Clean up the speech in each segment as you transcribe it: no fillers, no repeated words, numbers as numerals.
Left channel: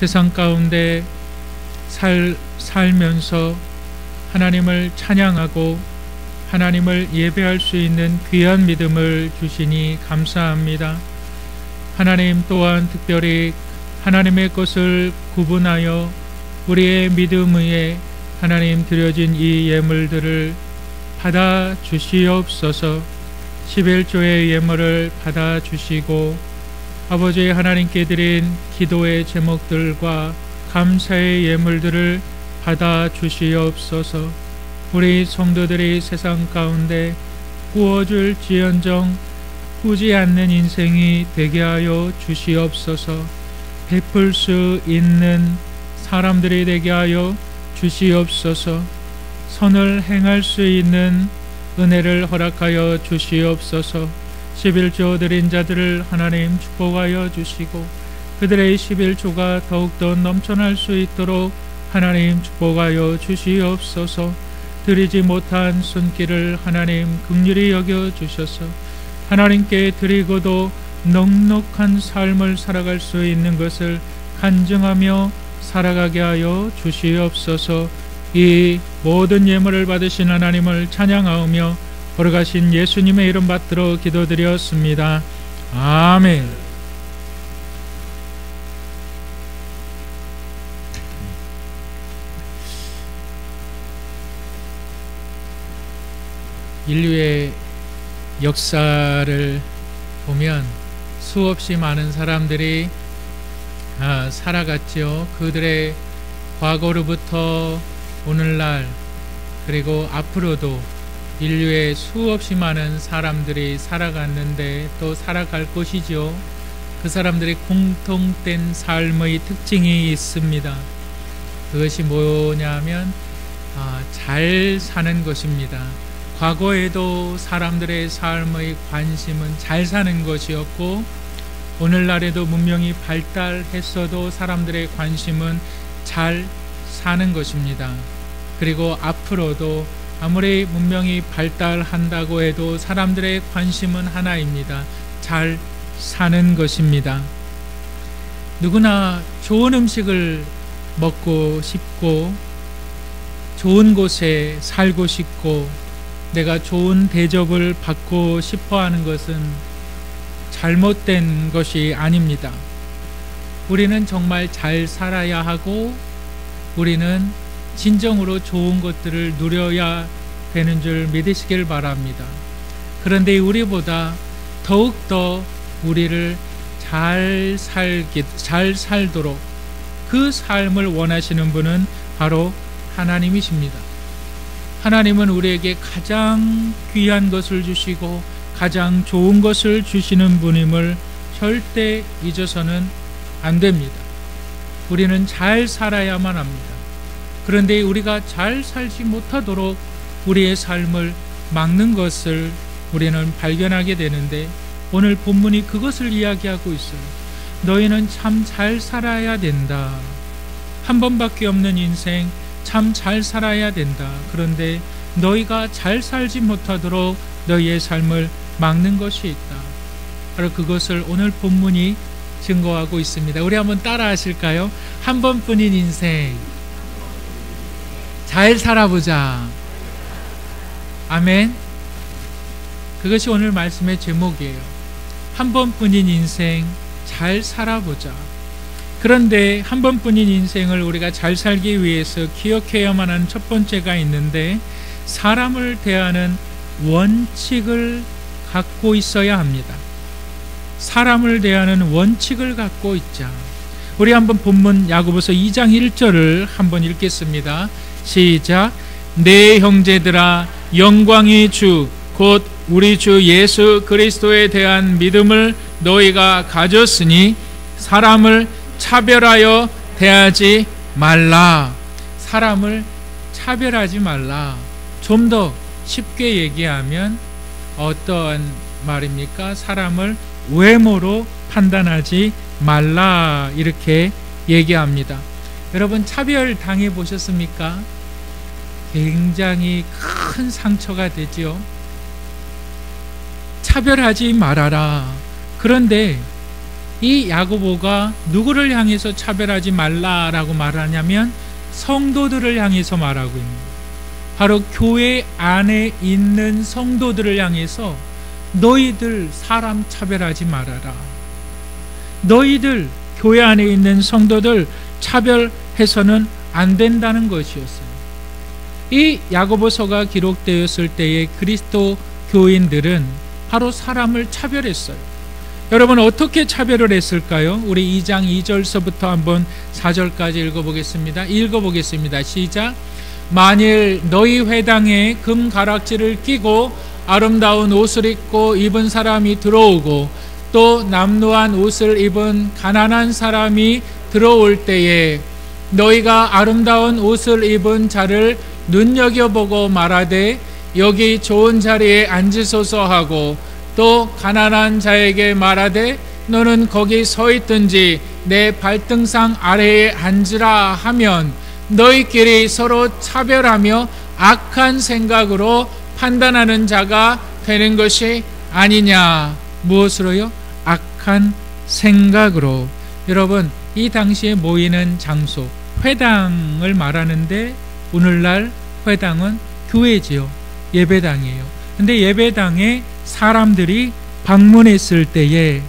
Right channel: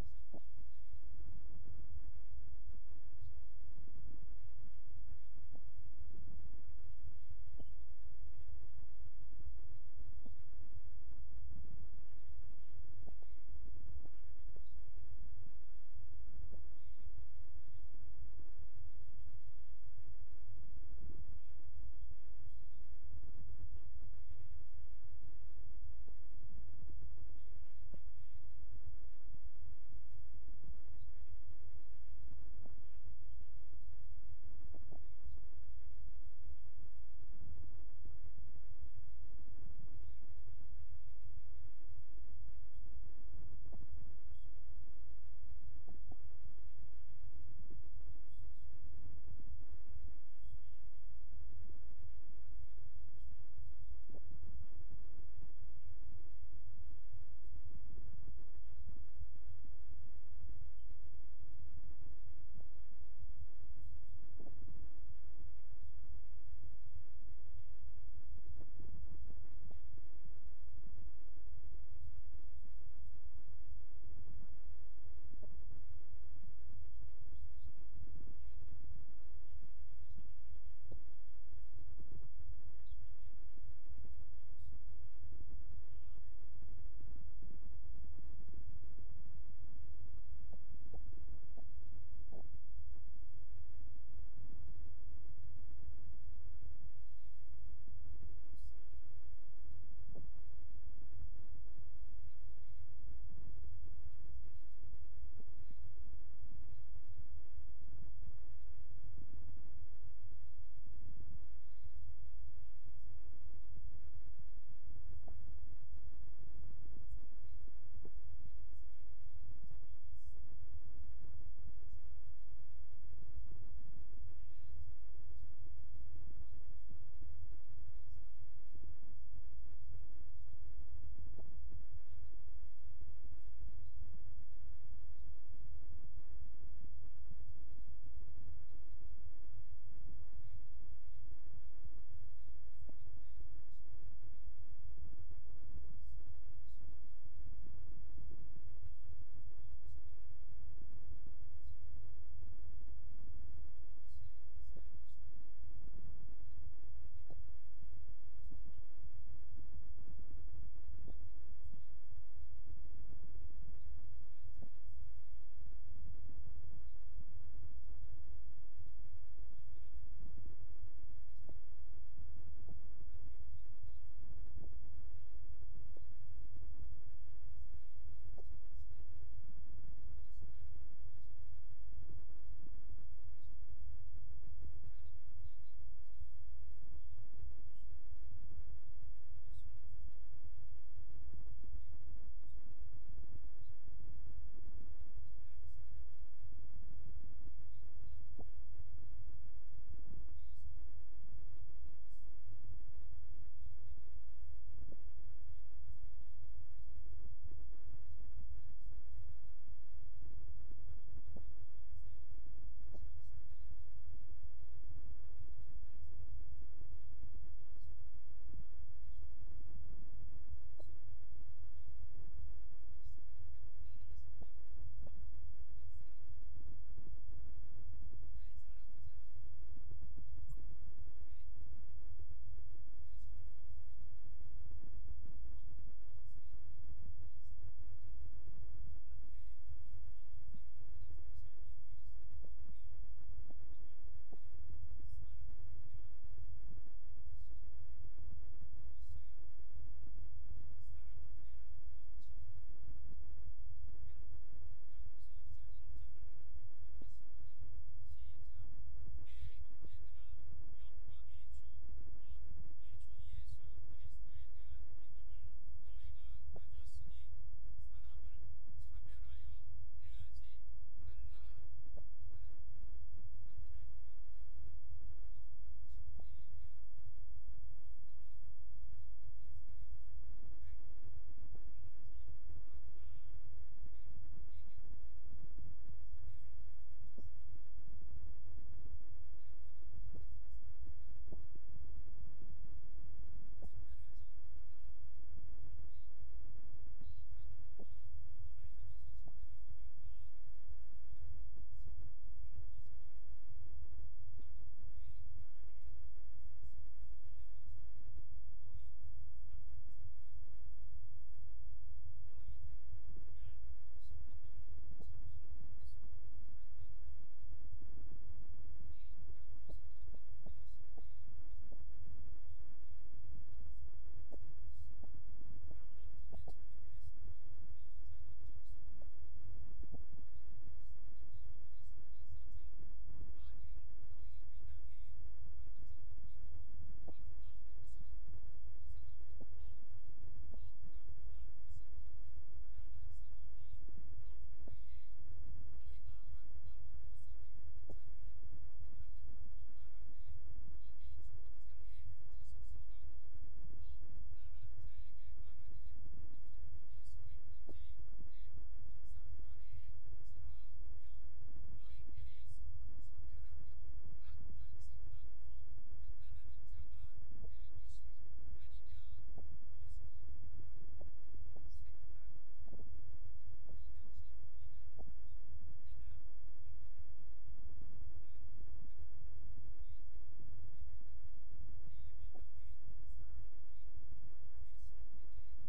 세상 가운데 살면서 하나님을 찬양하고 하나님을 예배할 수 있는 귀한 믿음을 주시니 감사합니다. 하나님 또한 특별히 하나님의 것을 구분하여 우리의 믿음 위에 하나님 드려진 이 예물들을 받아 주시옵소서. 11조의 예물을 받아 주시고 아버지 하나님께 드린 기도의 제목들과 감사의 예물들을 받아 주시옵소서. 우리 성도들이 세상 가운데 꾸어줄 지연정 꾸지 않는 인생이 되게 하여 주시옵소서. 베풀 수 있는 사람들이 되게 하여 주시옵소서. 선을 행할 수 있는 은혜를 허락하여 주시옵소서. 11조 드린 자들을 하나님 축복하여 주시고 그들의 11조가 더욱더 넘쳐날 수 있도록 하나님 축복하여 주시옵소서. 드리지 못한 손길을 하나님 긍휼히 여겨 주셔서 하나님께 드리고도 넉넉한 삶을 살아갈 수 있는 것을 간증하며 살아가게 하여 주시옵소서. 이 모든 예물을 받으신 하나님을 찬양하오며 걸어가신 예수님의 이름 받들어 기도드렸습니다. 아멘. 인류의 역사를 보면 수없이 많은 사람들이 살아갔죠. 그들의 과거로부터 오늘날 그리고 앞으로도 인류의 수없이 많은 사람들이 살아갔는데 또 살아갈 것이죠. 그 사람들의 공통된 삶의 특징이 있습니다. 그것이 뭐냐면 잘 사는 것입니다. 과거에도 사람들의 삶의 관심은 잘 사는 것이었고 오늘날에도 문명이 발달했어도 사람들의 관심은 잘 사는 것입니다. 그리고 앞으로도 아무리 문명이 발달한다고 해도 사람들의 관심은 하나입니다. 잘 사는 것입니다. 누구나 좋은 음식을 먹고 싶고 좋은 곳에 살고 싶고 내가 좋은 대접을 받고 싶어 하는 것은 잘못된 것이 아닙니다. 우리는 정말 잘 살아야 하고 우리는 진정으로 좋은 것들을 누려야 되는 줄 믿으시길 바랍니다. 그런데 우리보다 더욱더 우리를 잘 살도록 그 삶을 원하시는 분은 바로 하나님이십니다. 하나님은 우리에게 가장 귀한 것을 주시고 가장 좋은 것을 주시는 분임을 절대 잊어서는 안 됩니다. 우리는 잘 살아야만 합니다. 그런데 우리가 잘 살지 못하도록 우리의 삶을 막는 것을 우리는 발견하게 되는데 오늘 본문이 그것을 이야기하고 있어요. 너희는 참 잘 살아야 된다. 한 번밖에 없는 인생 참 잘 살아야 된다. 그런데 너희가 잘 살지 못하도록 너희의 삶을 막는 것이 있다. 바로 그것을 오늘 본문이 증거하고 있습니다. 우리 한번 따라 하실까요? 한 번뿐인 인생 잘 살아보자. 아멘. 그것이 오늘 말씀의 제목이에요. 한 번뿐인 인생 잘 살아보자. 그런데 한 번뿐인 인생을 우리가 잘 살기 위해서 기억해야만 하는 첫 번째가 있는데 사람을 대하는 원칙을 갖고 있어야 합니다. 사람을 대하는 원칙을 갖고 있자. 우리 한번 본문 야고보서 2장 1절을 한번 읽겠습니다. 시작. 내 형제들아 영광의 주 곧 우리 주 예수 그리스도에 대한 믿음을 너희가 가졌으니 사람을 차별하여 대하지 말라. 사람을 차별하지 말라. 좀 더 쉽게 얘기하면 어떤 말입니까? 사람을 외모로 판단하지 말라 이렇게 얘기합니다. 여러분 차별 당해 보셨습니까? 굉장히 큰 상처가 되지요. 차별하지 말아라. 그런데 이 야고보가 누구를 향해서 차별하지 말라라고 말하냐면 성도들을 향해서 말하고 있습니다. 바로 교회 안에 있는 성도들을 향해서 너희들 사람 차별하지 말아라. 너희들 교회 안에 있는 성도들 차별해서는 안 된다는 것이었어요. 이 야고보서가 기록되었을 때의 그리스도 교인들은 바로 사람을 차별했어요. 여러분 어떻게 차별을 했을까요? 우리 2장 2절서부터 한번 4절까지 읽어보겠습니다. 시작. 만일 너희 회당에 금 가락지를 끼고 아름다운 옷을 입은 사람이 들어오고 또 남루한 옷을 입은 가난한 사람이 들어올 때에 너희가 아름다운 옷을 입은 자를 눈여겨보고 말하되 여기 좋은 자리에 앉으소서 하고 또 가난한 자에게 말하되 너는 거기 서 있든지 내 발등상 아래에 앉으라 하면 너희끼리 서로 차별하며 악한 생각으로 판단하는 자가 되는 것이 아니냐. 무엇으로요? 악한 생각으로. 여러분 이 당시에 모이는 장소 회당을 말하는데 오늘날 회당은 교회지요. 예배당이에요. 근데 예배당에 사람들이 방문했을 때에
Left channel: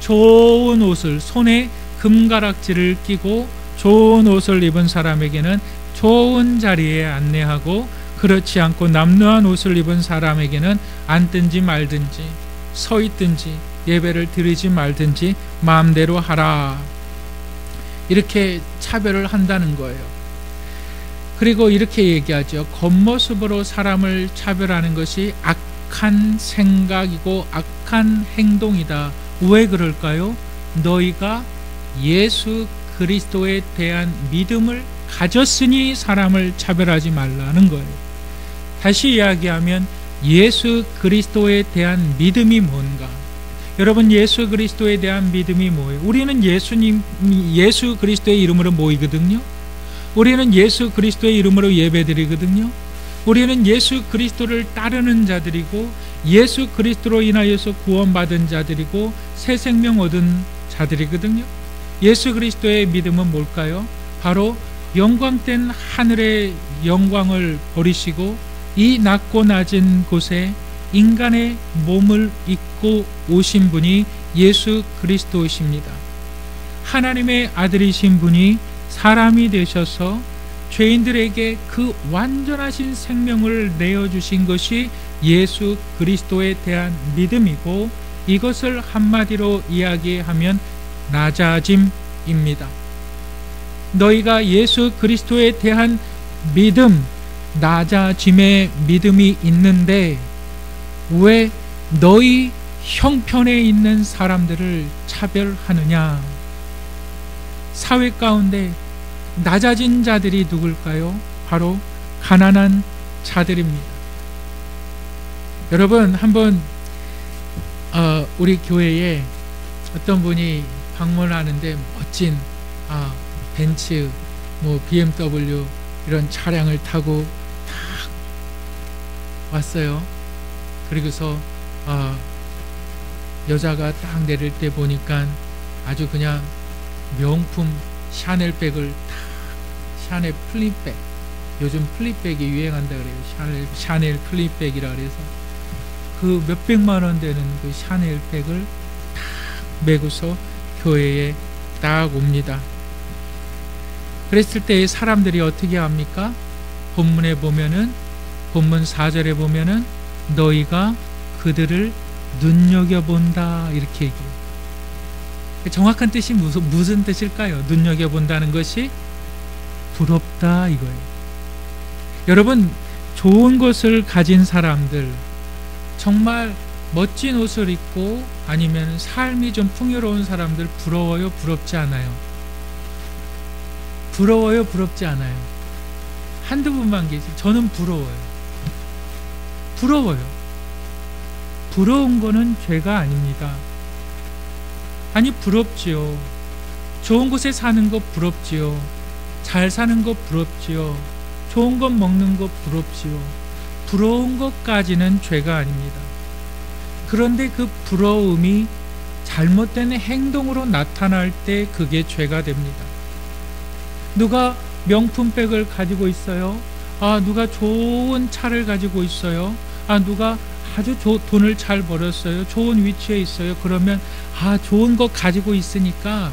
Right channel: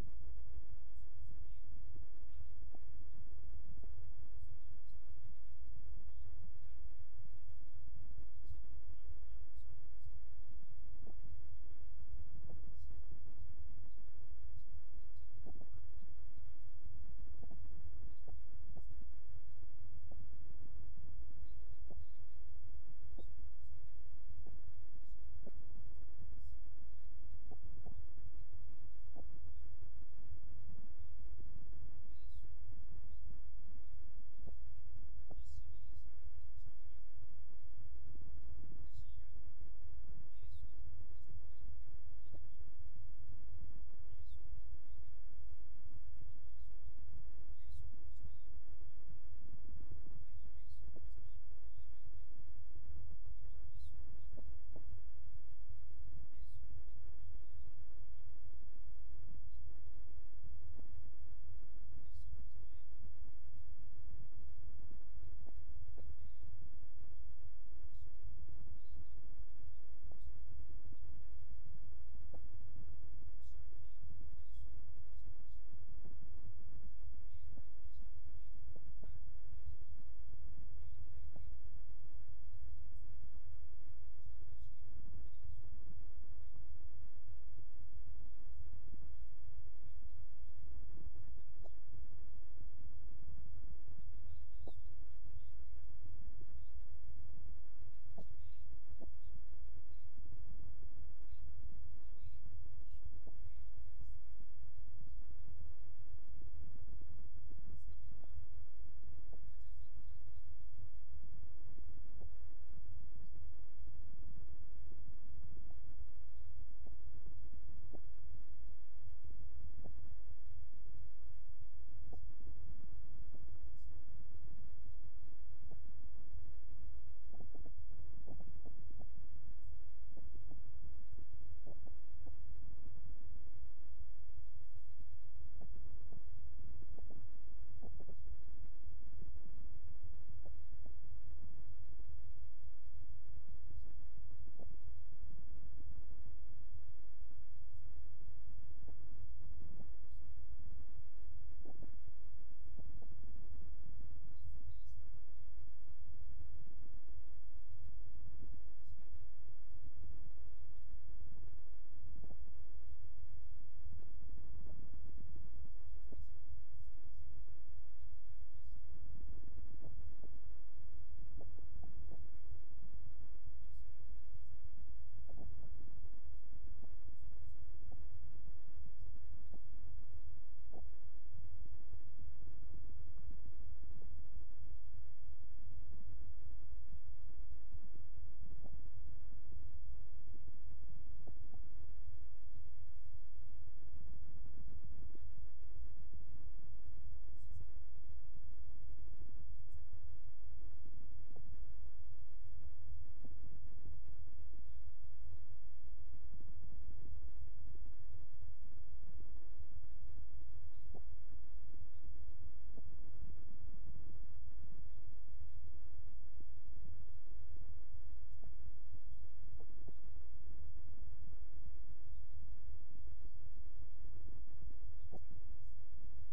좋은 옷을 손에 금가락지를 끼고 좋은 옷을 입은 사람에게는 좋은 자리에 안내하고 그렇지 않고 남루한 옷을 입은 사람에게는 앉든지 말든지 서 있든지 예배를 드리지 말든지 마음대로 하라. 이렇게 차별을 한다는 거예요. 그리고 이렇게 얘기하죠. 겉모습으로 사람을 차별하는 것이 악한 생각이고 악한 행동이다. 왜 그럴까요? 너희가 예수 그리스도에 대한 믿음을 가졌으니 사람을 차별하지 말라는 거예요. 다시 이야기하면 예수 그리스도에 대한 믿음이 뭔가? 여러분 예수 그리스도에 대한 믿음이 뭐예요? 우리는 예수 그리스도의 이름으로 모이거든요. 우리는 예수 그리스도의 이름으로 예배드리거든요. 우리는 예수 그리스도를 따르는 자들이고 예수 그리스도로 인하여서 구원받은 자들이고 새 생명 얻은 자들이거든요. 예수 그리스도의 믿음은 뭘까요? 바로 영광된 하늘의 영광을 버리시고 이 낮고 낮은 곳에 인간의 몸을 입고 오신 분이 예수 그리스도이십니다. 하나님의 아들이신 분이 사람이 되셔서 죄인들에게 그 완전하신 생명을 내어주신 것이 예수 그리스도에 대한 믿음이고 이것을 한마디로 이야기하면 낮아짐입니다. 너희가 예수 그리스도에 대한 믿음, 낮아짐의 믿음이 있는데 왜 너희 형편에 있는 사람들을 차별하느냐? 사회 가운데 낮아진 자들이 누굴까요? 바로 가난한 자들입니다. 여러분 한번 우리 교회에 어떤 분이 방문하는데 멋진 벤츠, BMW 이런 차량을 타고 탁 왔어요. 그리고서 여자가 딱 내릴 때 보니까 아주 그냥 명품 샤넬백을 탁, 샤넬 플립백, 요즘 플립백이 유행한다 그래요. 샤넬 플립백이라 그래서 그 몇백만 원 되는 그 샤넬백을 탁 메고서 교회에 딱 옵니다. 그랬을 때 사람들이 어떻게 합니까? 본문에 보면은, 본문 4절에 보면은 너희가 그들을 눈여겨본다 이렇게 얘기해요. 정확한 뜻이 무슨 뜻일까요? 눈여겨본다는 것이 부럽다 이거예요. 여러분 좋은 것을 가진 사람들, 정말 멋진 옷을 입고 아니면 삶이 좀 풍요로운 사람들 부러워요? 부럽지 않아요? 부러워요? 부럽지 않아요? 한두 분만 계시. 저는 부러워요. 부러워요. 부러운 거는 죄가 아닙니다. 아니 부럽지요. 좋은 곳에 사는 거 부럽지요. 잘 사는 거 부럽지요. 좋은 것 먹는 거 부럽지요. 부러운 것까지는 죄가 아닙니다. 그런데 그 부러움이 잘못된 행동으로 나타날 때 그게 죄가 됩니다. 누가 명품백을 가지고 있어요. 누가 좋은 차를 가지고 있어요. 누가 아주 돈을 잘 벌었어요. 좋은 위치에 있어요. 그러면 좋은 거 가지고 있으니까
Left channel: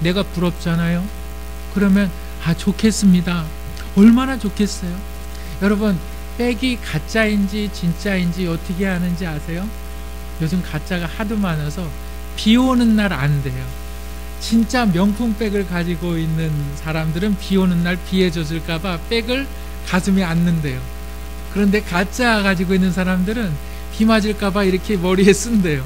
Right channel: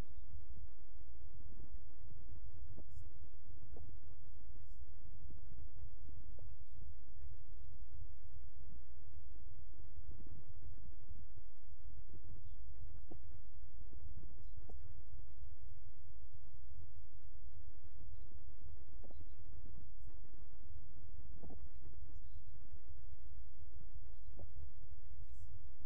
내가 부럽잖아요. 그러면 좋겠습니다. 얼마나 좋겠어요. 여러분, 백이 가짜인지 진짜인지 어떻게 아는지 아세요? 요즘 가짜가 하도 많아서 비 오는 날 안 돼요. 진짜 명품백을 가지고 있는 사람들은 비 오는 날 비에 젖을까봐 백을 가슴에 안는데요. 그런데 가짜 가지고 있는 사람들은 비 맞을까봐 이렇게 머리에 쓴대요.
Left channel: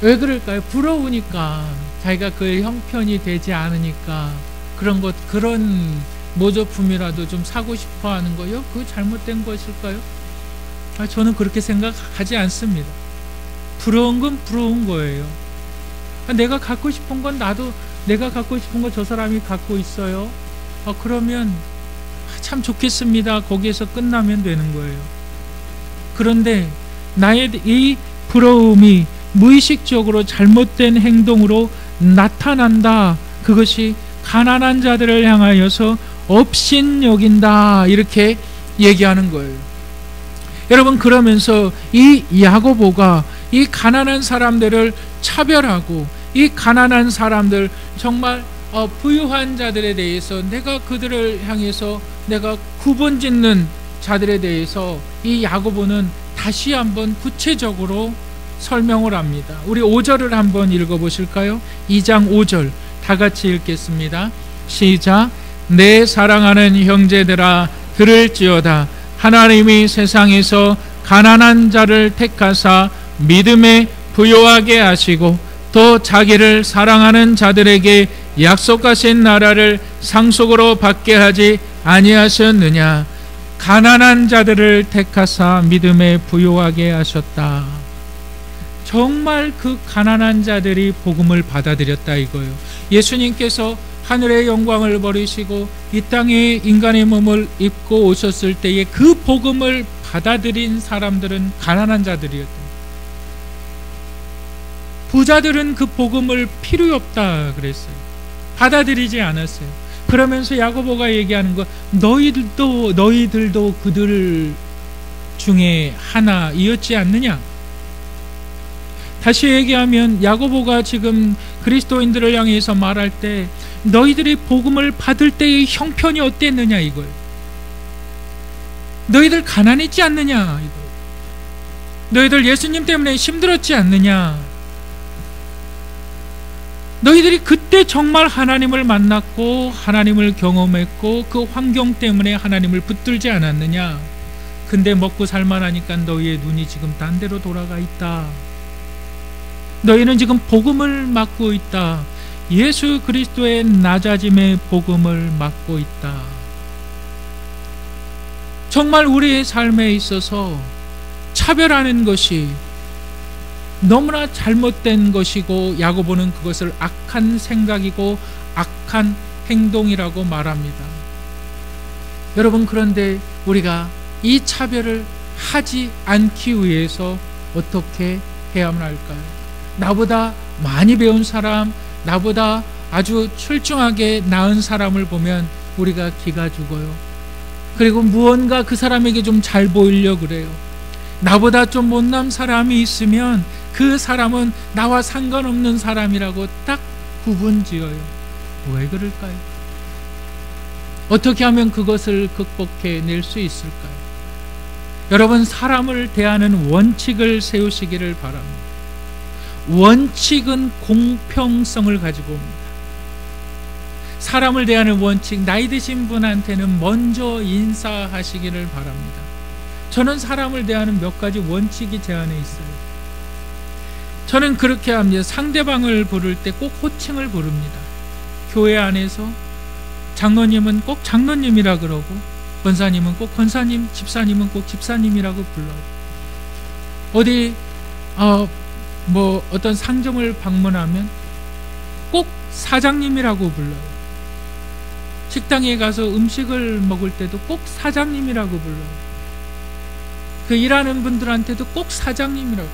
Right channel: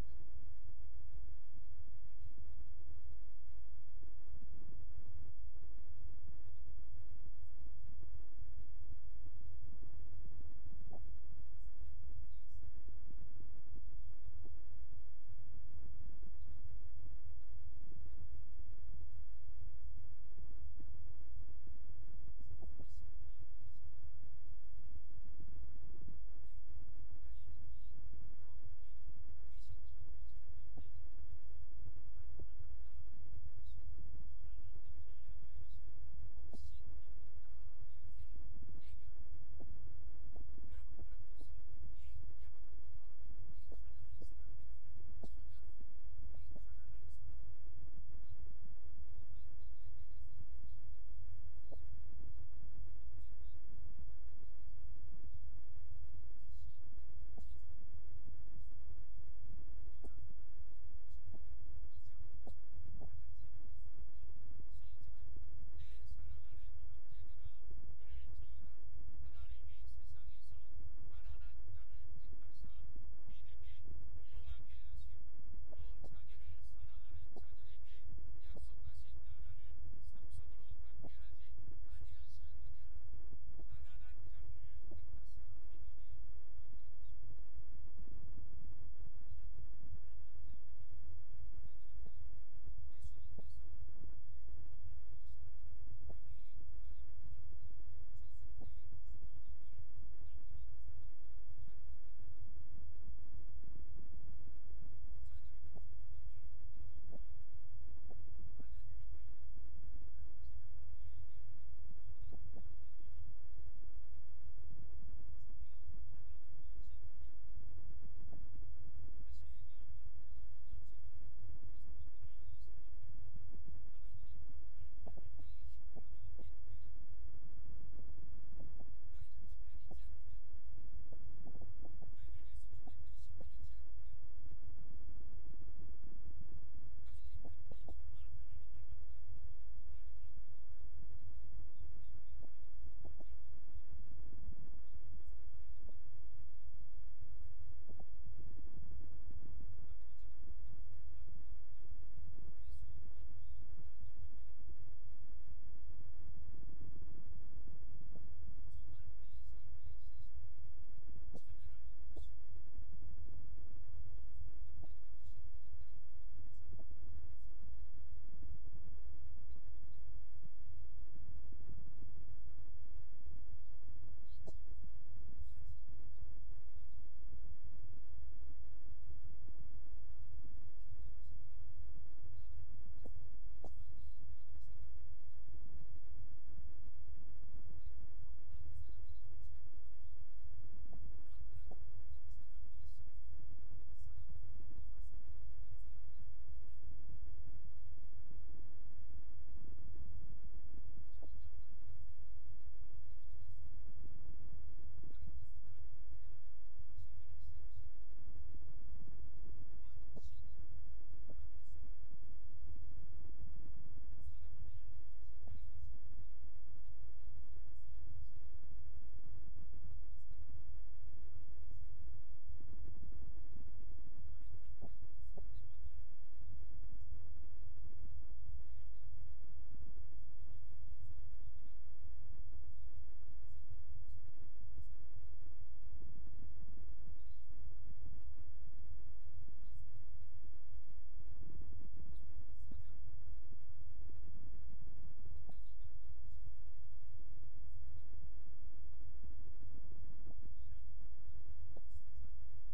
왜 그럴까요? 부러우니까, 자기가 그 형편이 되지 않으니까 그런 모조품이라도 좀 사고 싶어 하는 거요? 그거 잘못된 것일까요? 저는 그렇게 생각하지 않습니다. 부러운 건 부러운 거예요. 내가 갖고 싶은 건 나도 내가 갖고 싶은 거 저 사람이 갖고 있어요. 그러면 참 좋겠습니다. 거기에서 끝나면 되는 거예요. 그런데 나의 이 부러움이 무의식적으로 잘못된 행동으로 나타난다. 그것이 가난한 자들을 향하여서 업신여긴다. 이렇게 얘기하는 거예요. 여러분, 그러면서 이 야고보가 이 가난한 사람들을 차별하고, 이 가난한 사람들, 정말 부유한 자들에 대해서 내가 그들을 향해서 내가 구분짓는 자들에 대해서 이 야고보는 다시 한번 구체적으로 설명을 합니다. 우리 5절을 한번 읽어보실까요? 2장 5절 다 같이 읽겠습니다. 시작. 내 사랑하는 형제들아, 들을지어다. 하나님이 세상에서 가난한 자를 택하사 믿음에 부요하게 하시고 또 자기를 사랑하는 자들에게 약속하신 나라를 상속으로 받게 하지 아니하셨느냐. 가난한 자들을 택하사 믿음에 부요하게 하셨다. 정말 그 가난한 자들이 복음을 받아들였다 이거예요. 예수님께서 하늘의 영광을 버리시고 이 땅에 인간의 몸을 입고 오셨을 때에 그 복음을 받아들인 사람들은 가난한 자들이었다. 부자들은 그 복음을 필요 없다 그랬어요. 받아들이지 않았어요. 그러면서 야고보가 얘기하는 거, 너희들도 그들 중에 하나이었지 않느냐. 다시 얘기하면 야고보가 지금 그리스도인들을 향해서 말할 때 너희들이 복음을 받을 때의 형편이 어땠느냐 이거예요. 너희들 가난했지 않느냐 이거예요. 너희들 예수님 때문에 힘들었지 않느냐. 너희들이 그때 정말 하나님을 만났고 하나님을 경험했고 그 환경 때문에 하나님을 붙들지 않았느냐. 근데 먹고 살만하니까 너희의 눈이 지금 딴 데로 돌아가 있다. 너희는 지금 복음을 맡고 있다. 예수 그리스도의 낮아짐의 복음을 맡고 있다. 정말 우리의 삶에 있어서 차별하는 것이 너무나 잘못된 것이고 야고보는 그것을 악한 생각이고 악한 행동이라고 말합니다. 여러분, 그런데 우리가 이 차별을 하지 않기 위해서 어떻게 해야만 할까요? 나보다 많이 배운 사람, 나보다 아주 출중하게 나은 사람을 보면 우리가 기가 죽어요. 그리고 무언가 그 사람에게 좀 잘 보이려 그래요. 나보다 좀 못난 사람이 있으면 그 사람은 나와 상관없는 사람이라고 딱 구분지어요. 왜 그럴까요? 어떻게 하면 그것을 극복해낼 수 있을까요? 여러분, 사람을 대하는 원칙을 세우시기를 바랍니다. 원칙은 공평성을 가지고 옵니다. 사람을 대하는 원칙, 나이 드신 분한테는 먼저 인사하시기를 바랍니다. 저는 사람을 대하는 몇 가지 원칙이 제 안에 있어요. 저는 그렇게 합니다. 상대방을 부를 때 꼭 호칭을 부릅니다. 교회 안에서 장로님은 꼭 장로님이라 그러고, 권사님은 꼭 권사님, 집사님은 꼭 집사님이라고 불러요. 어디 어떤 상점을 방문하면 꼭 사장님이라고 불러요. 식당에 가서 음식을 먹을 때도 꼭 사장님이라고 불러요. 그 일하는 분들한테도 꼭 사장님이라고.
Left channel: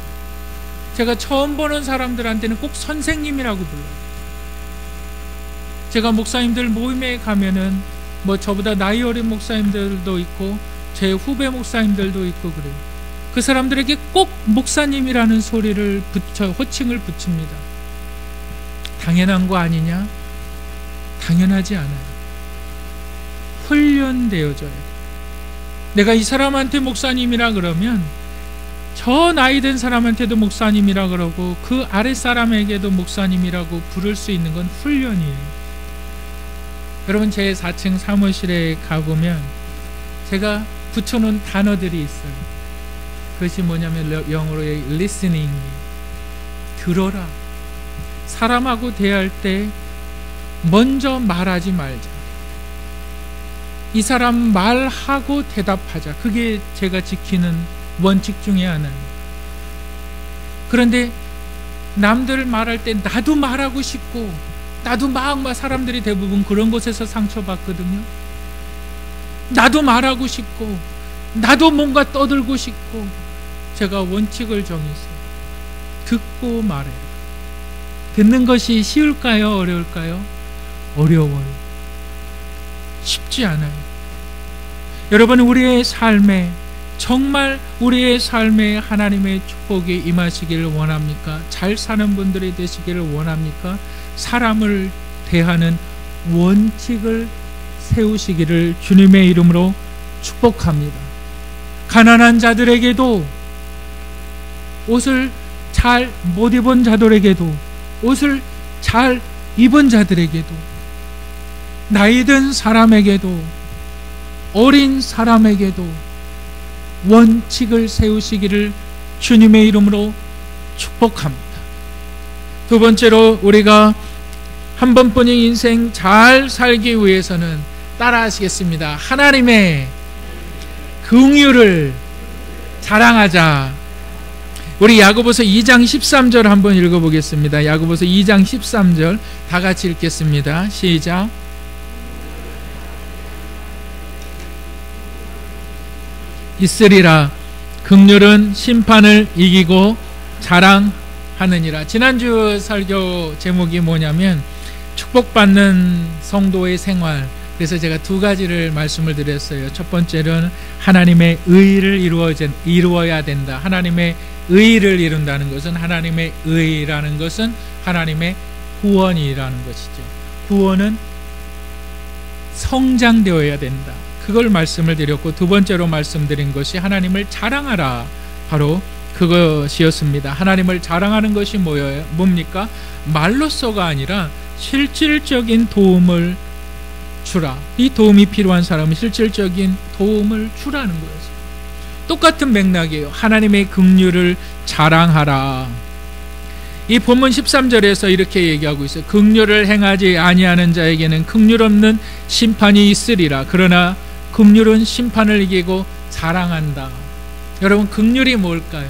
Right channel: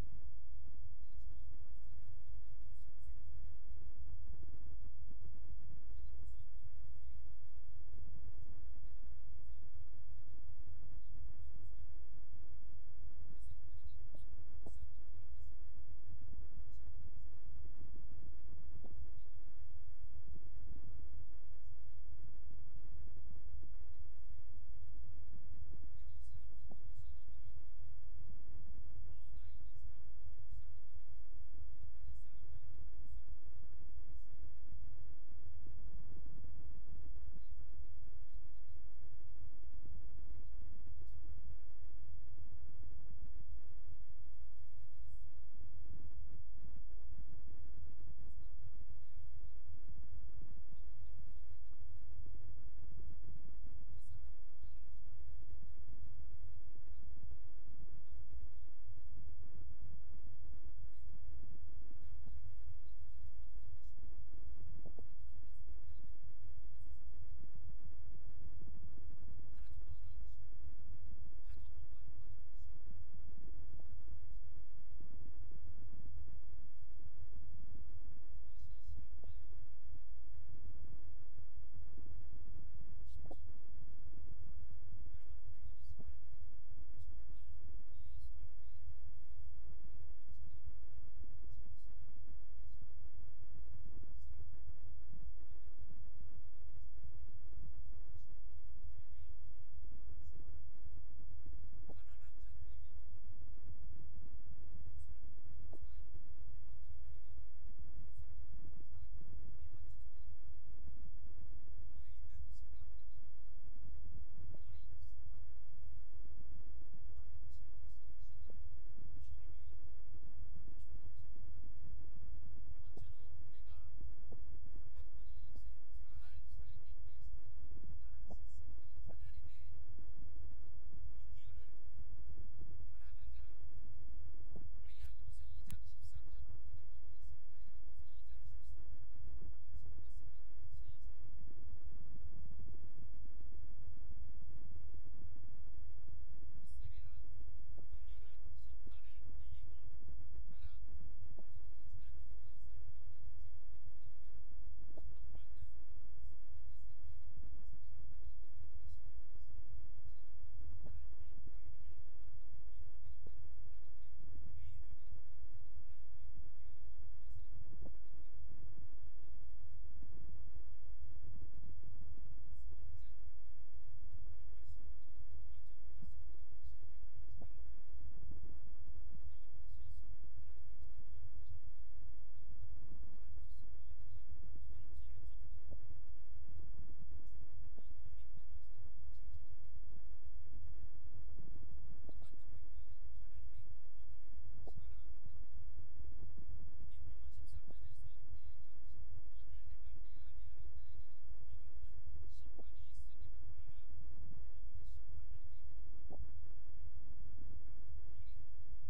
제가 처음 보는 사람들한테는 꼭 선생님이라고 불러요. 제가 목사님들 모임에 가면은 뭐 저보다 나이 어린 목사님들도 있고 제 후배 목사님들도 있고 그래요. 그 사람들에게 꼭 목사님이라는 소리를 호칭을 붙입니다. 당연한 거 아니냐? 당연하지 않아요. 훈련되어져야 돼요. 내가 이 사람한테 목사님이라 그러면 저 나이 든 사람한테도 목사님이라 그러고 그 아래 사람에게도 목사님이라고 부를 수 있는 건 훈련이에요. 여러분, 제 4층 사무실에 가보면 제가 붙여놓은 단어들이 있어요. 그것이 뭐냐면 영어로의 listening, 들어라. 사람하고 대할 때 먼저 말하지 말자. 이 사람 말하고 대답하자. 그게 제가 지키는 원칙 중에 하나예요. 그런데 남들 말할 때 나도 말하고 싶고 나도 막 사람들이 대부분 그런 곳에서 상처받거든요. 나도 말하고 싶고 나도 뭔가 떠들고 싶고. 제가 원칙을 정했어요. 듣고 말해요. 듣는 것이 쉬울까요? 어려울까요? 어려워요. 쉽지 않아요. 여러분, 우리의 삶에 정말 우리의 삶에 하나님의 축복이 임하시기를 원합니까? 잘 사는 분들이 되시기를 원합니까? 사람을 대하는 원칙을 세우시기를 주님의 이름으로 축복합니다. 가난한 자들에게도, 옷을 잘 못 입은 자들에게도, 옷을 잘 입은 자들에게도, 나이 든 사람에게도, 어린 사람에게도 원칙을 세우시기를 주님의 이름으로 축복합니다. 두 번째로, 우리가 한 번뿐인 인생 잘 살기 위해서는 따라 하시겠습니다. 하나님의 긍휼을 자랑하자. 우리 야고보서 2장 13절 한번 읽어보겠습니다. 야고보서 2장 13절 다 같이 읽겠습니다. 시작. 있으리라. 긍휼은 심판을 이기고 자랑하느니라. 지난주 설교 제목이 뭐냐면 축복받는 성도의 생활. 그래서 제가 두 가지를 말씀을 드렸어요. 첫 번째는 하나님의 의를 이루어야 된다. 하나님의 의를 이룬다는 것은, 하나님의 의라는 것은 하나님의 구원이라는 것이죠. 구원은 성장되어야 된다. 그걸 말씀을 드렸고, 두 번째로 말씀드린 것이 하나님을 자랑하라. 바로 그것이었습니다. 하나님을 자랑하는 것이 뭡니까? 말로서가 아니라 실질적인 도움을 주라. 이 도움이 필요한 사람은 실질적인 도움을 주라는 거였어요. 똑같은 맥락이에요. 하나님의 긍휼을 자랑하라. 이 본문 13절에서 이렇게 얘기하고 있어요. 긍휼을 행하지 아니하는 자에게는 긍휼 없는 심판이 있으리라. 그러나 긍휼은 심판을 이기고 자랑한다. 여러분, 긍휼이 뭘까요?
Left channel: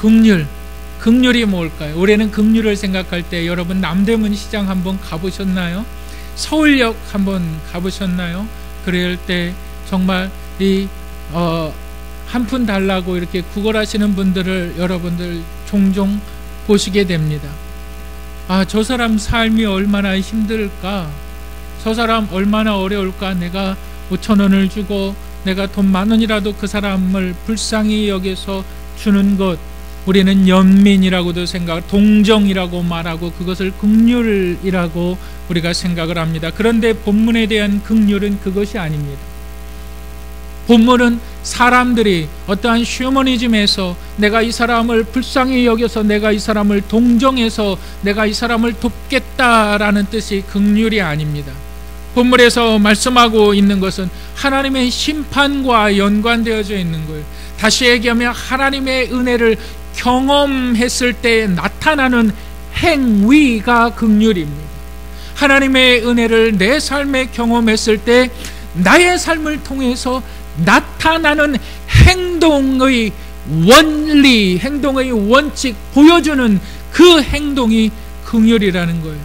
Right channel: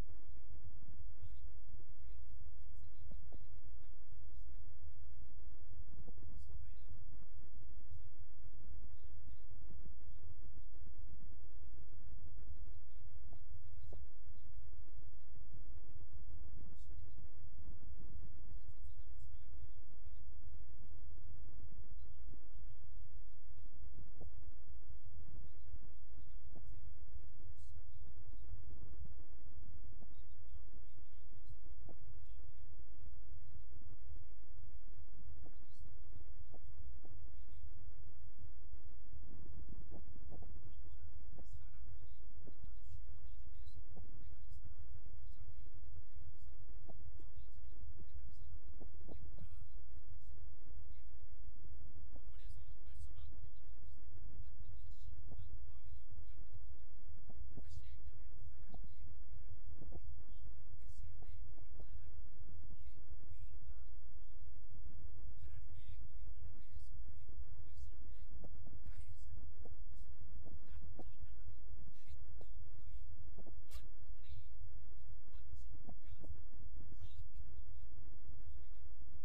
긍휼이 뭘까요? 올해는 긍휼을 생각할 때 여러분 남대문 시장 한번 가보셨나요? 서울역 한번 가보셨나요? 그럴 때 정말 한 푼 달라고 이렇게 구걸하시는 분들을 여러분들 종종 보시게 됩니다. 아, 저 사람 삶이 얼마나 힘들까? 저 사람 얼마나 어려울까? 내가 5,000원을 주고 내가 돈 10,000원이라도 그 사람을 불쌍히 여겨서 주는 것, 우리는 연민이라고도 동정이라고 말하고 그것을 긍휼이라고 우리가 생각을 합니다. 그런데 본문에 대한 긍휼은 그것이 아닙니다. 본문은 사람들이 어떠한 휴머니즘에서 내가 이 사람을 불쌍히 여겨서 내가 이 사람을 동정해서 내가 이 사람을 돕겠다라는 뜻이 긍휼이 아닙니다. 본문에서 말씀하고 있는 것은 하나님의 심판과 연관되어져 있는 거예요. 다시 얘기하면 하나님의 은혜를 경험했을 때 나타나는 행위가 긍휼입니다. 하나님의 은혜를 내 삶에 경험했을 때 나의 삶을 통해서 나타나는 행동의 원리, 행동의 원칙, 보여주는 그 행동이 긍휼이라는 거예요.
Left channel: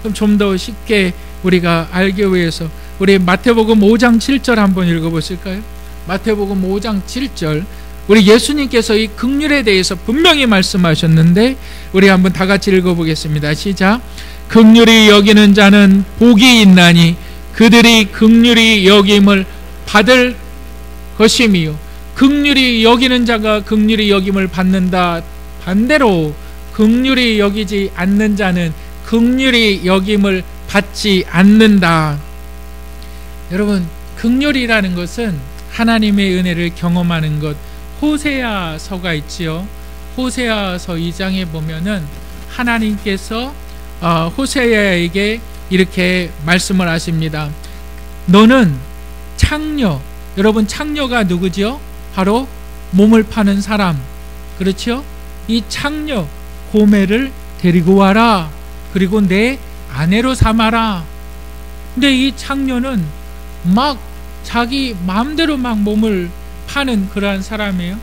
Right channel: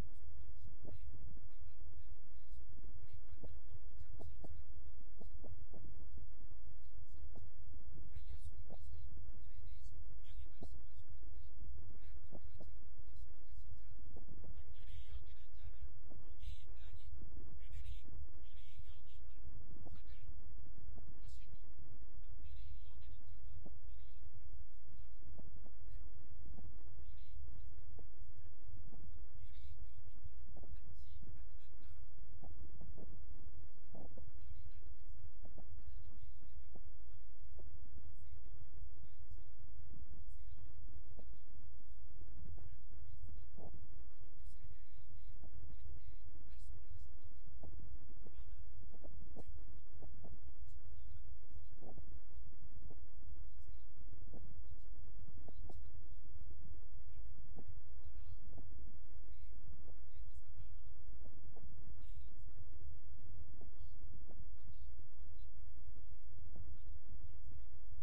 그럼 좀 더 쉽게 우리가 알기 위해서 우리 마태복음 5장 7절 한번 읽어보실까요? 마태복음 5장 7절 우리 예수님께서 이 긍휼에 대해서 분명히 말씀하셨는데 우리 한번 다 같이 읽어보겠습니다. 시작. 긍휼히 여기는 자는 복이 있나니 그들이 긍휼히 여김을 받을 것임이요. 긍휼히 여기는 자가 긍휼히 여김을 받는다. 반대로 긍휼히 여기지 않는 자는 긍휼히 여김을 받지 않는다. 여러분, 긍휼이라는 것은 하나님의 은혜를 경험하는 것. 호세아서가 있지요. 호세아서 2장에 보면은 하나님께서 호세아에게 이렇게 말씀을 하십니다. 너는 창녀, 여러분 창녀가 누구지요? 바로 몸을 파는 사람, 그렇죠? 이 창녀 고멜을 데리고 와라. 그리고 내 아내로 삼아라. 근데 이 창녀는 막 자기 마음대로 막 몸을 파는 그러한 사람이에요.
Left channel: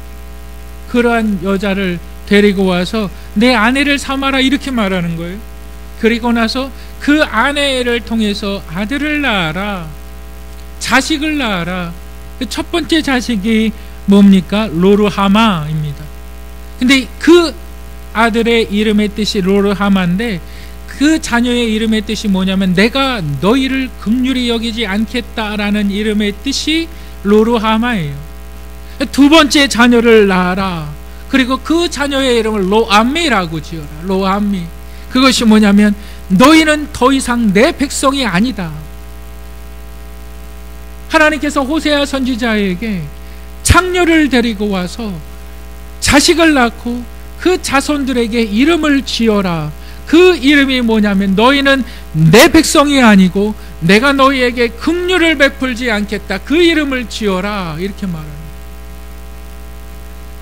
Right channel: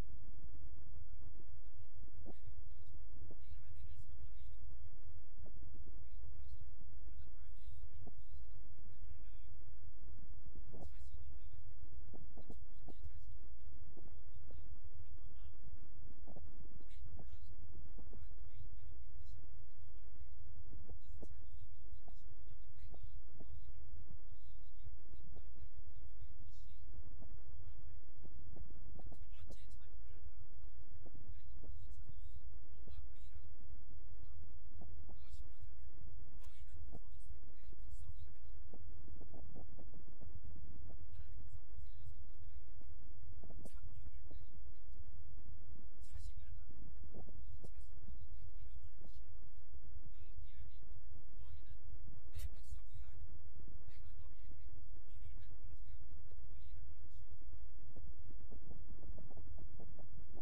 그러한 여자를 데리고 와서 내 아내를 삼아라 이렇게 말하는 거예요. 그리고 나서 그 아내를 통해서 아들을 낳아라, 자식을 낳아라. 첫 번째 자식이 뭡니까? 로르하마입니다. 근데 그 아들의 이름의 뜻이 로르하마인데 그 자녀의 이름의 뜻이 뭐냐면 내가 너희를 긍휼히 여기지 않겠다라는 이름의 뜻이 로르하마예요. 두 번째 자녀를 낳아라. 그리고 그 자녀의 이름을 로암미라고 지어라. 로암미. 그것이 뭐냐면 너희는 더 이상 내 백성이 아니다. 하나님께서 호세아 선지자에게 창녀를 데리고 와서 자식을 낳고 그 자손들에게 이름을 지어라. 그 이름이 뭐냐면 너희는 내 백성이 아니고 내가 너희에게 긍휼을 베풀지 않겠다. 그 이름을 지어라. 이렇게 말합니다.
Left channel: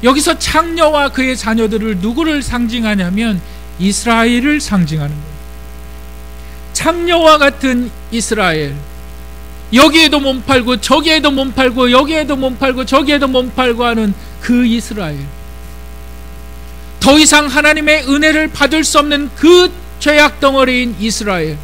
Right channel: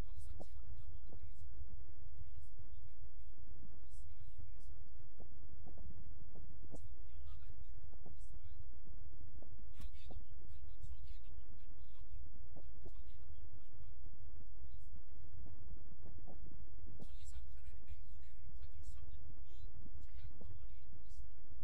여기서 창녀와 그의 자녀들을 누구를 상징하냐면 이스라엘을 상징하는 거예요. 창녀와 같은 이스라엘. 여기에도 몸 팔고 저기에도 몸 팔고 여기에도 몸 팔고 저기에도 몸 팔고 하는 그 이스라엘. 더 이상 하나님의 은혜를 받을 수 없는 그 죄악 덩어리인 이스라엘.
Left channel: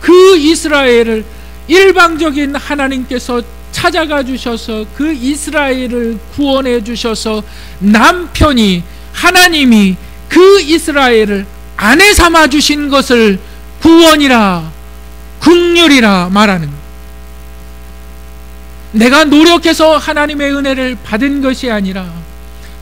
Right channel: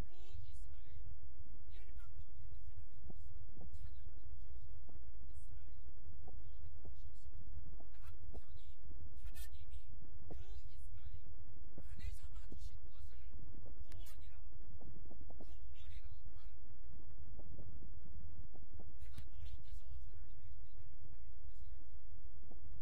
그 이스라엘을 일방적인 하나님께서 찾아가 주셔서 그 이스라엘을 구원해 주셔서 남편이 하나님이 그 이스라엘을 아내 삼아 주신 것을 구원이라 긍휼이라 말하는 거예요. 내가 노력해서 하나님의 은혜를 받은 것이 아니라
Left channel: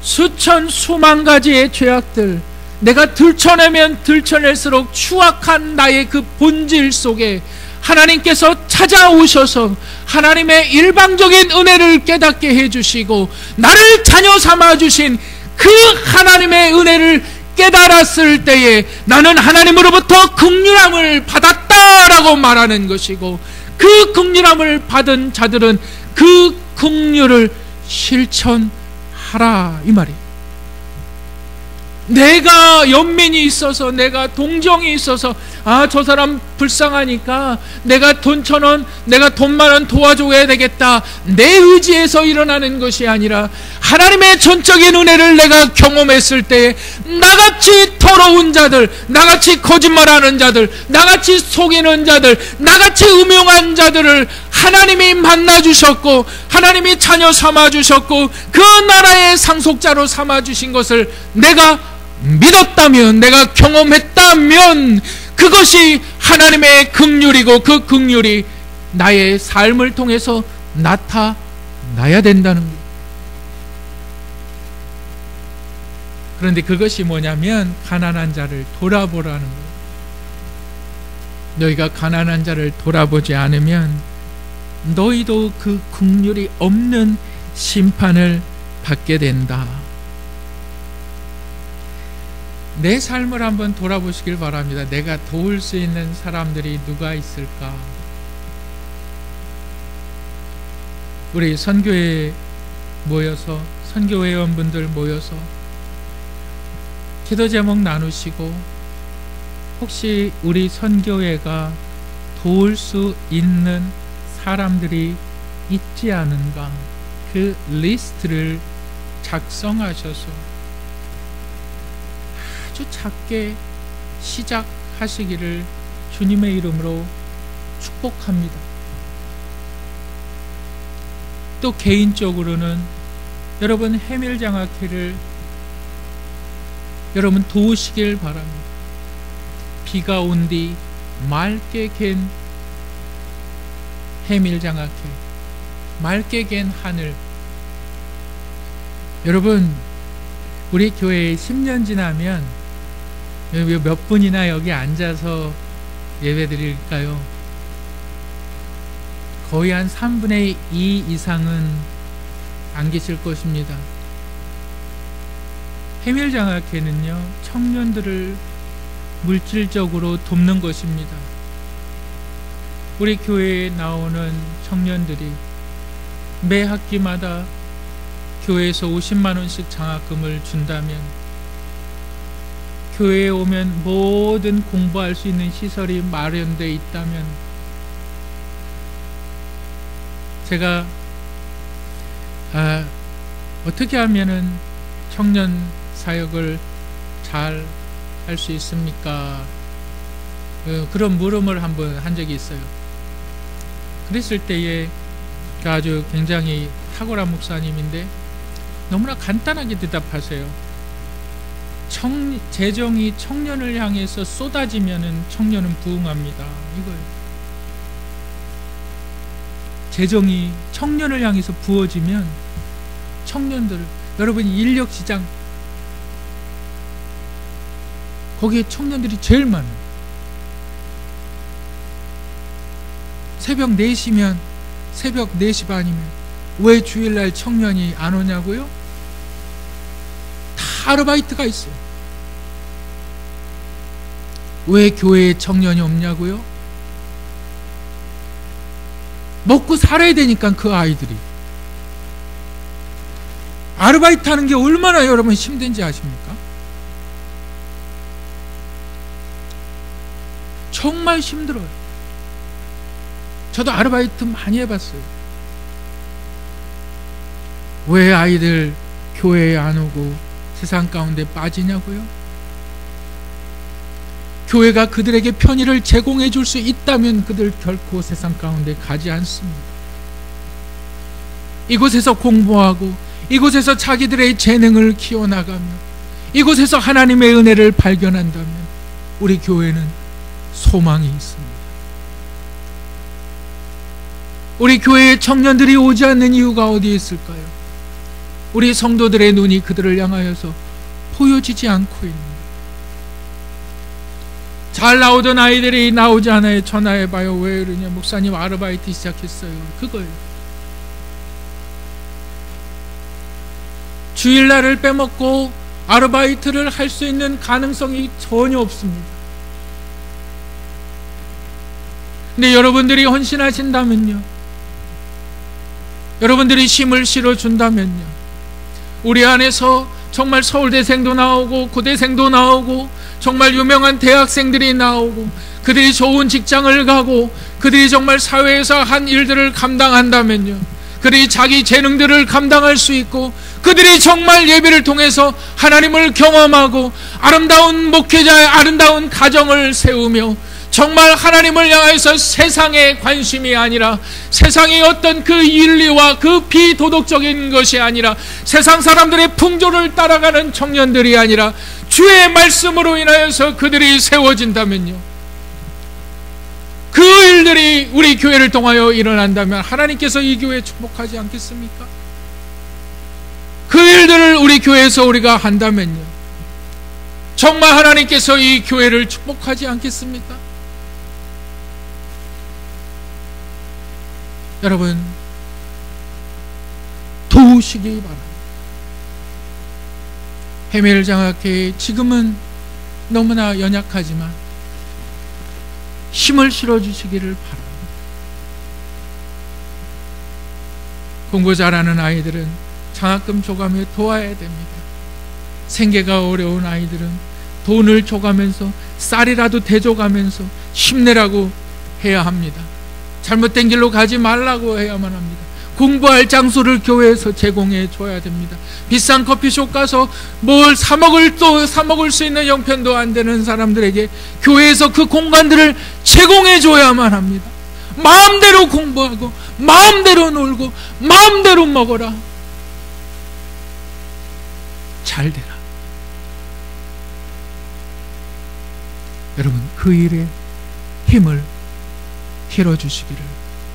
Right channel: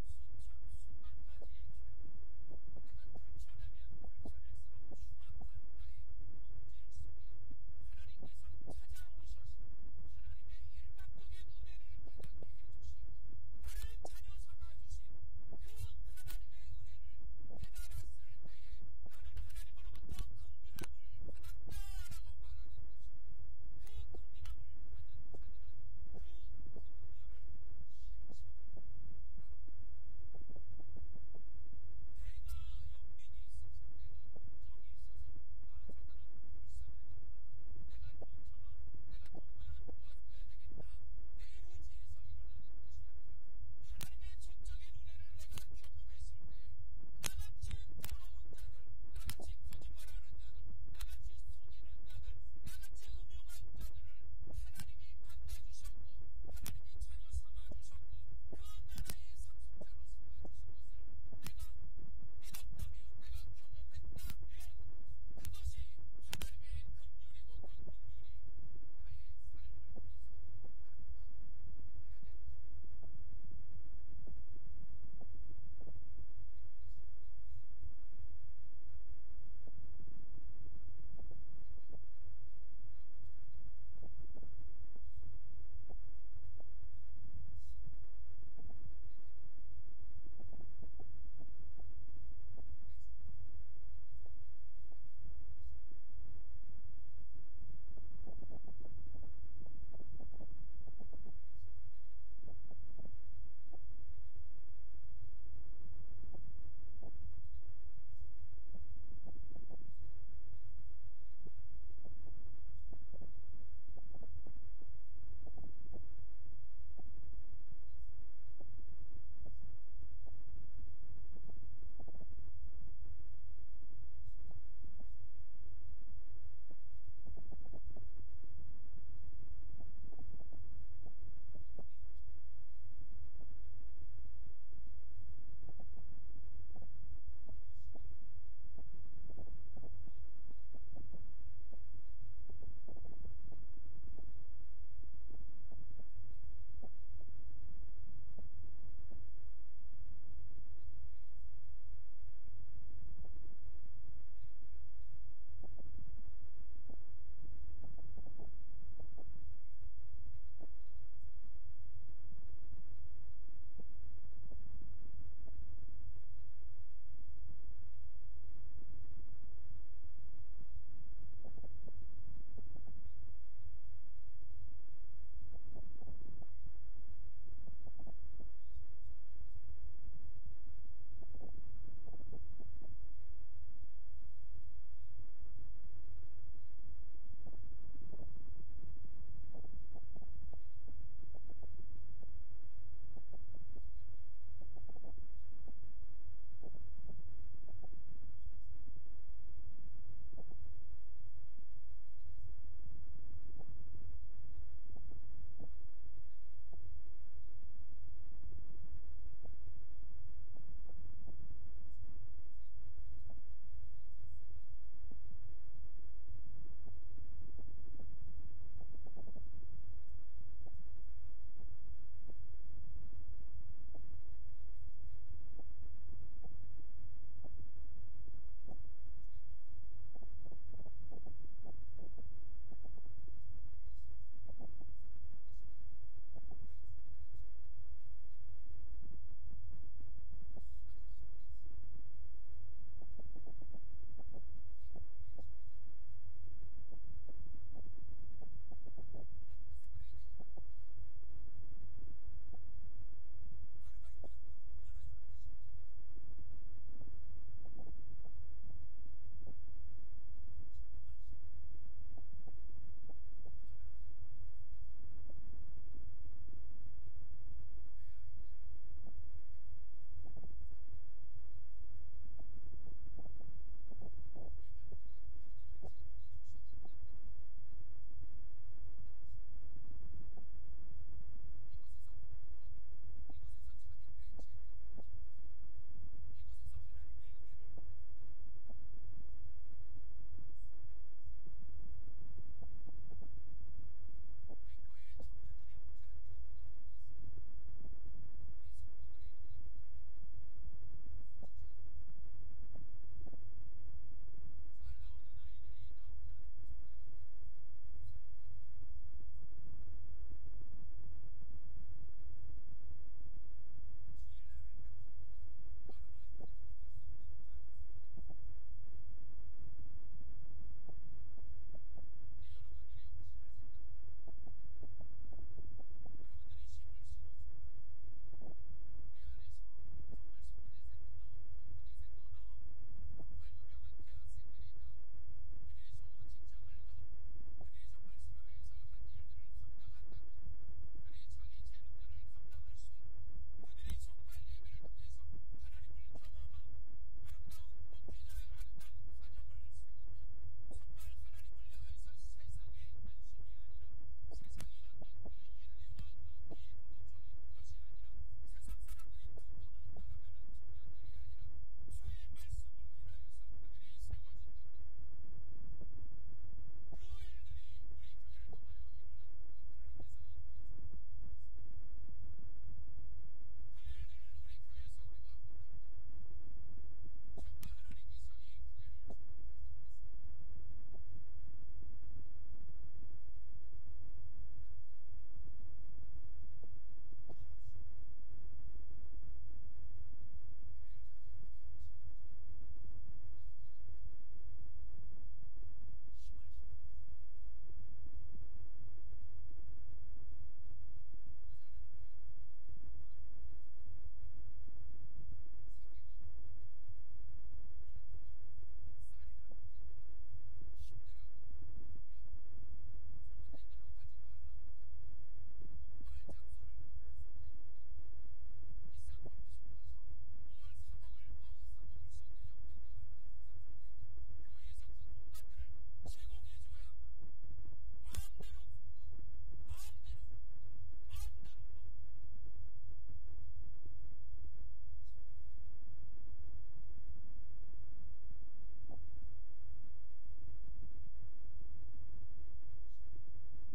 수천 수만 가지의 죄악들, 내가 들춰내면 들춰낼수록 추악한 나의 그 본질 속에 하나님께서 찾아오셔서 하나님의 일방적인 은혜를 깨닫게 해주시고 나를 자녀 삼아주신 그 하나님의 은혜를 깨달았을 때에 나는 하나님으로부터 긍휼함을 받았다라고 말하는 것이고, 그 긍휼함을 받은 자들은 그 긍휼을 실천하라 이 말이에요. 내가 연민이 있어서, 내가 동정이 있어서, 저 사람 불쌍하니까 내가 돈 1,000원, 내가 돈 10,000원 도와줘야 되겠다, 내 의지에서 일어나는 것이 아니라 하나님의 전적인 은혜를 내가 경험했을 때에 나같이 더러운 자들, 나같이 거짓말하는 자들, 나같이 속이는 자들, 나같이 음흉한 자들을 하나님이 만나주셨고 하나님이 자녀 삼아주셨고 그 나라의 상속자로 삼아주신 것을 내가 믿었다면, 내가 경험했다면 그것이 하나님의 긍휼이고 그 긍휼이 나의 삶을 통해서 나타나야 된다는 거예요. 그런데 그것이 뭐냐면 가난한 자를 돌아보라는 거예요. 너희가 가난한 자를 돌아보지 않으면 너희도 그 긍휼이 없는 심판을 받게 된다. 내 삶을 한번 돌아보시길 바랍니다. 내가 도울 수 있는 사람들이 누가 있을까? 우리 선교회 모여서, 선교회원분들 모여서 기도 제목 나누시고, 혹시 우리 선교회가 도울 수 있는 사람들이 있지 않은가, 그 리스트를 작성하셔서 아주 작게 시작하시기를 주님의 이름으로 축복합니다. 또 개인적으로는 여러분 해밀장학회를 여러분 도우시길 바랍니다. 비가 온 뒤 맑게 갠 해밀장학회, 맑게 갠 하늘. 여러분 우리 교회에 10년 지나면 몇 분이나 여기 앉아서 예배 드릴까요? 거의 한 3분의 2 이상은 안 계실 것입니다. 해밀장학회는요, 청년들을 물질적으로 돕는 것입니다. 우리 교회에 나오는 청년들이 매 학기마다 교회에서 50만 원씩 장학금을 준다면, 교회에 오면 모든 공부할 수 있는 시설이 마련되어 있다면, 제가 어떻게 하면은 청년 사역을 잘 할 수 있습니까? 그런 물음을 한번 한 적이 있어요. 그랬을 때에 아주 굉장히 탁월한 목사님인데 너무나 간단하게 대답하세요. 재정이 청년을 향해서 쏟아지면은 청년은 부흥합니다. 이거예요. 재정이 청년을 향해서 부어지면 청년들, 여러분 인력시장 거기에 청년들이 제일 많아요. 새벽 4시면, 새벽 4시 반이면 왜 주일날 청년이 안 오냐고요? 다 아르바이트가 있어요. 왜 교회에 청년이 없냐고요? 먹고 살아야 되니까 그 아이들이. 아르바이트 하는 게 얼마나 여러분 힘든지 아십니까? 정말 힘들어요. 저도 아르바이트 많이 해봤어요. 왜 아이들 교회에 안 오고 세상 가운데 빠지냐고요? 교회가 그들에게 편의를 제공해 줄 수 있다면 그들 결코 세상 가운데 가지 않습니다. 이곳에서 공부하고 이곳에서 자기들의 재능을 키워나가며 이곳에서 하나님의 은혜를 발견한다면 우리 교회는 소망이 있습니다. 우리 교회에 청년들이 오지 않는 이유가 어디에 있을까요? 우리 성도들의 눈이 그들을 향하여서 보여지지 않고 있는, 잘 나오던 아이들이 나오지 않아요. 전화해봐요. 왜 그러냐? 목사님 아르바이트 시작했어요. 그거예요. 주일날을 빼먹고 아르바이트를 할 수 있는 가능성이 전혀 없습니다. 근데 여러분들이 헌신하신다면요, 여러분들이 힘을 실어준다면요, 우리 안에서 정말 서울대생도 나오고 고대생도 나오고 정말 유명한 대학생들이 나오고 그들이 좋은 직장을 가고 그들이 정말 사회에서 한 일들을 감당한다면요, 그들이 자기 재능들을 감당할 수 있고 그들이 정말 예배를 통해서 하나님을 경험하고 아름다운 목회자의 아름다운 가정을 세우며 정말 하나님을 향해서 세상의 관심이 아니라, 세상의 어떤 그 윤리와 그 비도덕적인 것이 아니라, 세상 사람들의 풍조를 따라가는 청년들이 아니라 주의 말씀으로 인하여서 그들이 세워진다면요, 그 일들이 우리 교회를 통하여 일어난다면 하나님께서 이 교회에 축복하지 않겠습니까? 그 일들을 우리 교회에서 우리가 한다면요, 정말 하나님께서 이 교회를 축복하지 않겠습니까? 여러분 도우시기 바랍니다. 해밀장학회 지금은 너무나 연약하지만 힘을 실어주시기를 바랍니다. 공부 잘하는 아이들은 장학금 줘가며 도와야 됩니다. 생계가 어려운 아이들은 돈을 줘가면서 쌀이라도 대줘가면서 힘내라고 해야 합니다. 잘못된 길로 가지 말라고 해야만 합니다. 공부할 장소를 교회에서 제공해 줘야 됩니다. 비싼 커피숍 가서 뭘 사 먹을 수 있는 형편도 안 되는 사람들에게 교회에서 그 공간들을 제공해 줘야만 합니다. 마음대로 공부하고 마음대로 놀고 마음대로 먹어라. 잘 되라. 여러분, 그 일에 힘을 실어주시기를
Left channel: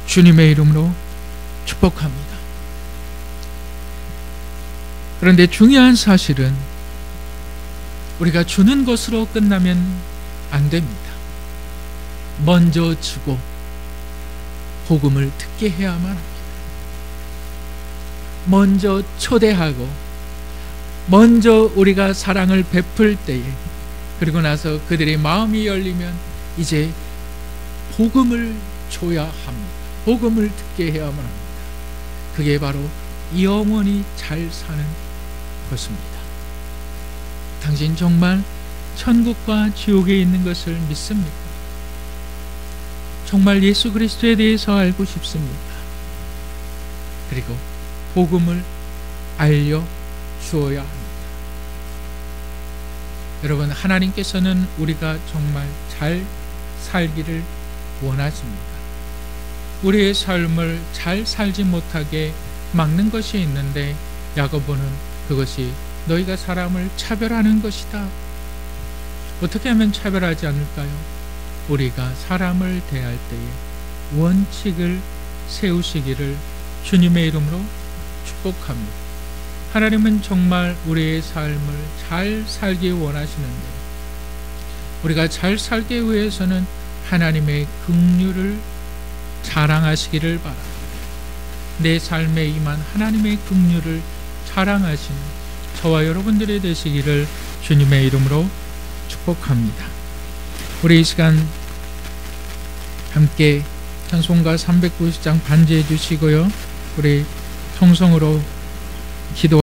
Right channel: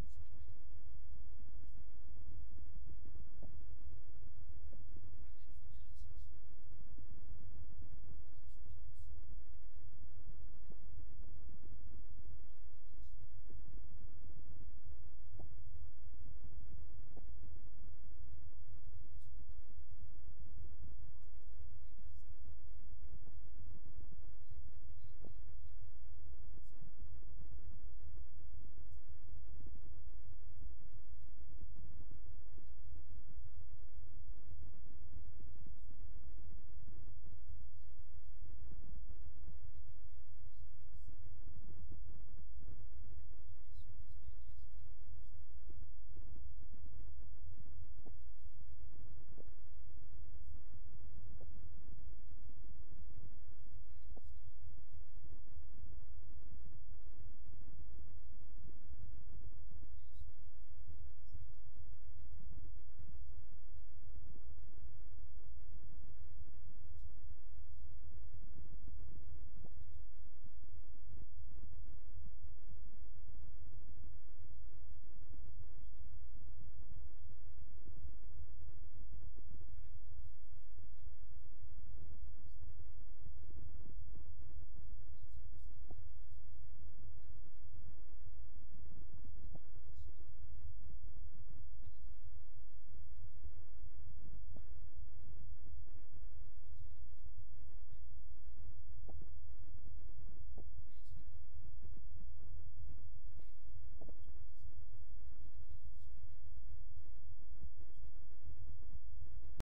주님의 이름으로 축복합니다. 그런데 중요한 사실은 우리가 주는 것으로 끝나면 안 됩니다. 먼저 주고 복음을 듣게 해야만 합니다. 먼저 초대하고 먼저 우리가 사랑을 베풀 때에, 그리고 나서 그들의 마음이 열리면 이제 복음을 줘야 합니다. 복음을 듣게 해야만 합니다. 그게 바로 영원히 잘 사는 것입니다. 당신 정말 천국과 지옥에 있는 것을 믿습니까? 정말 예수 그리스도에 대해서 알고 싶습니까? 그리고 복음을 알려 주어야 합니다. 여러분, 하나님께서는 우리가 정말 잘 살기를 원하십니다. 우리의 삶을 잘 살지 못하게 막는 것이 있는데, 야고보는 그것이 너희가 사람을 차별하는 것이다. 어떻게 하면 차별하지 않을까요? 우리가 사람을 대할 때에 원칙을 세우시기를 주님의 이름으로 축복합니다. 하나님은 정말 우리의 삶을 잘 살기 원하시는데, 우리가 잘 살기 위해서는 하나님의 긍휼을 자랑하시기를 바랍니다. 내 삶에 임한 하나님의 긍휼을 자랑하시는 저와 여러분들이 되시기를 주님의 이름으로 축복합니다. 우리 이 시간 함께 찬송가 390장 반주해 주시고요, 우리 통성으로 기도